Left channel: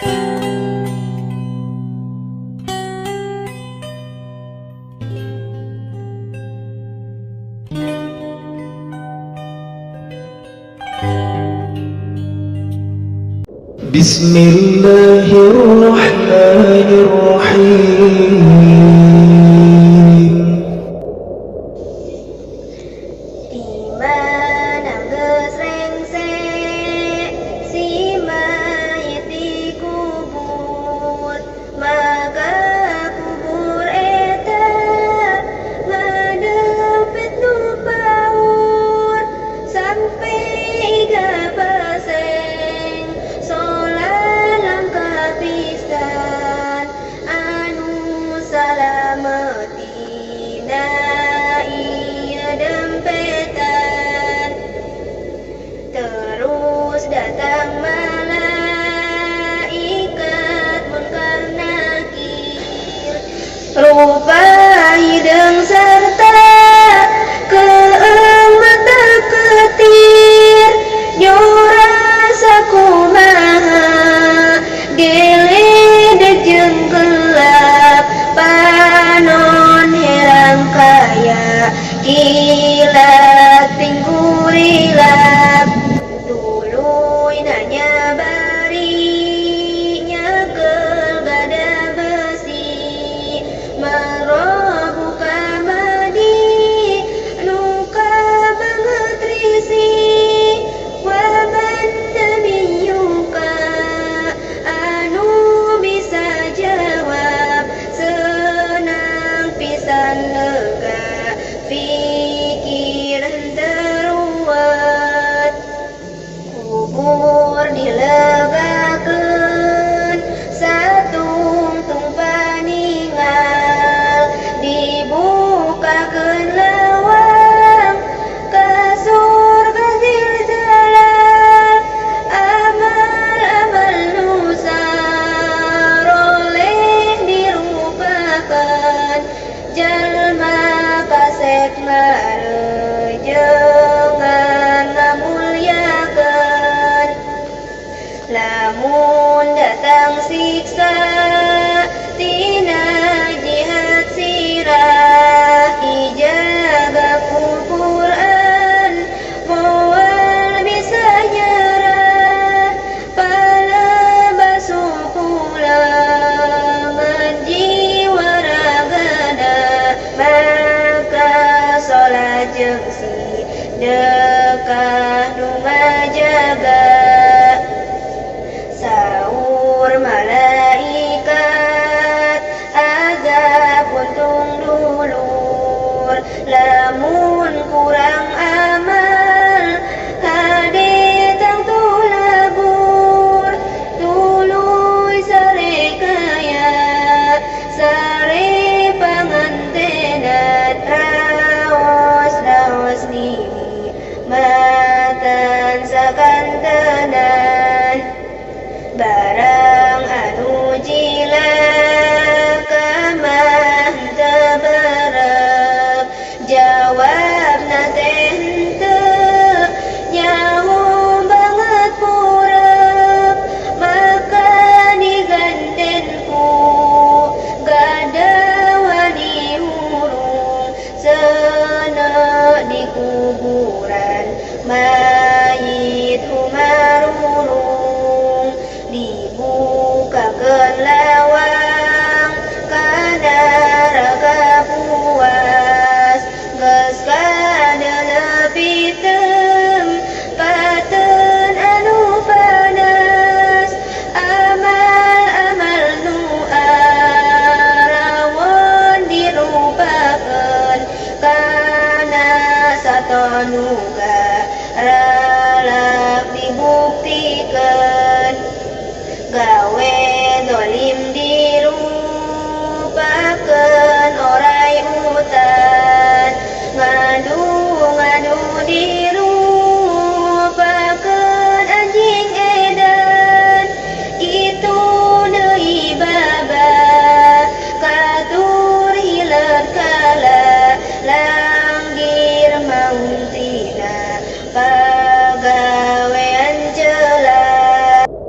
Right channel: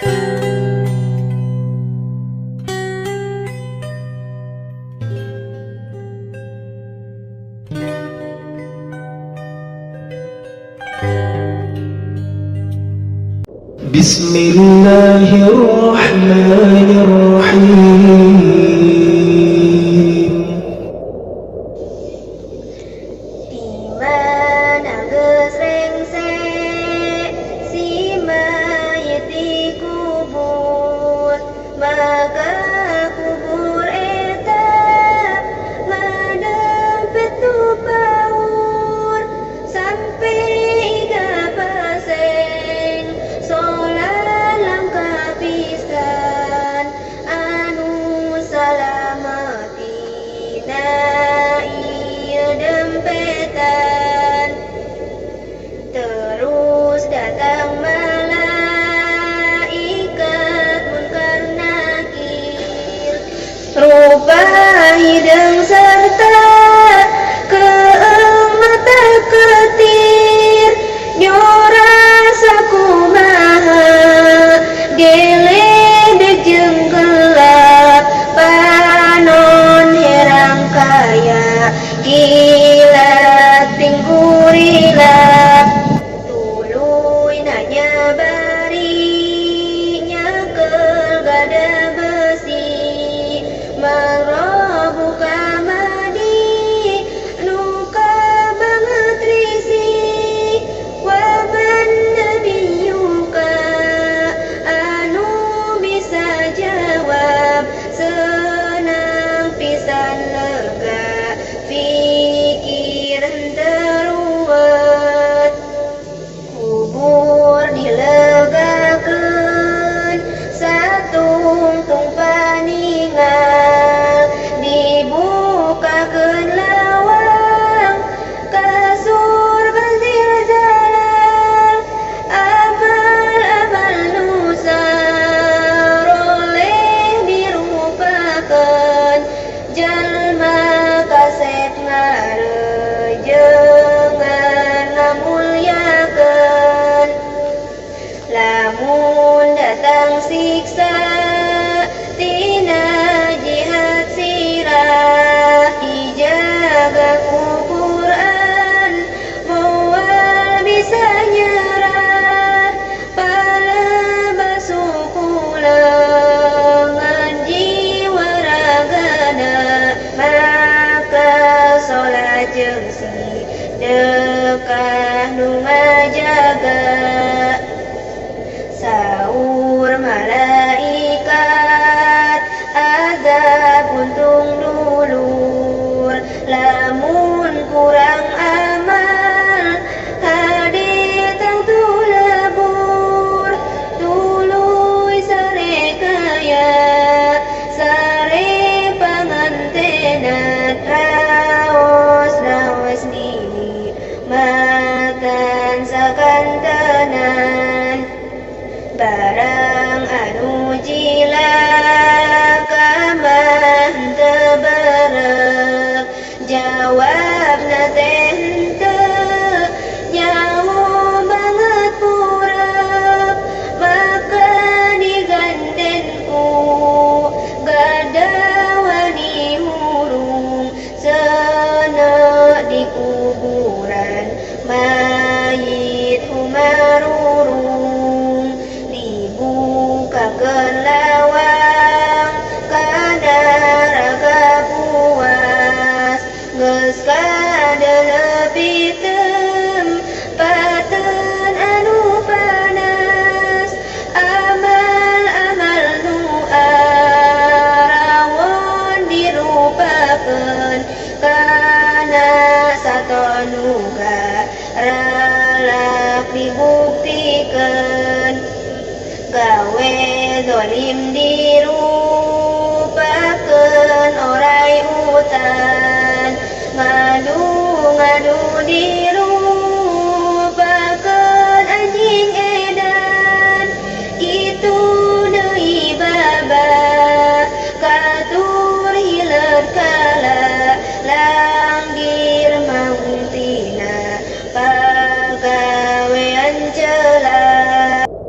بسم الله الرحمن الرحيم Dimana gesrengsek si mayit dikubur, maka kubur eta ngadempet nu paur sampai iga paseng solat langkah pisan anu salamatina ieu dempetan. Terus datang malaikat munkar nakir, rupa hidung serta keeng mata ketir, nyorasa kumaha geledeg jeung gelap, panon herang kaya kilat tinggurilap. Tuluy nanya bari nyekel gada besi, mangrobuka madi nuka banget risi, waban nabiyuka anu bisa jawab senang pisan lega pikir teruwet. Kubur dilegakeun satungtung paningal, dibukakeun lawang ka surga zilzalal, amal-amal nu saroleh dirupakeun, jalma kasep ngarejengan ngamulyakeun. Lamun datang siksa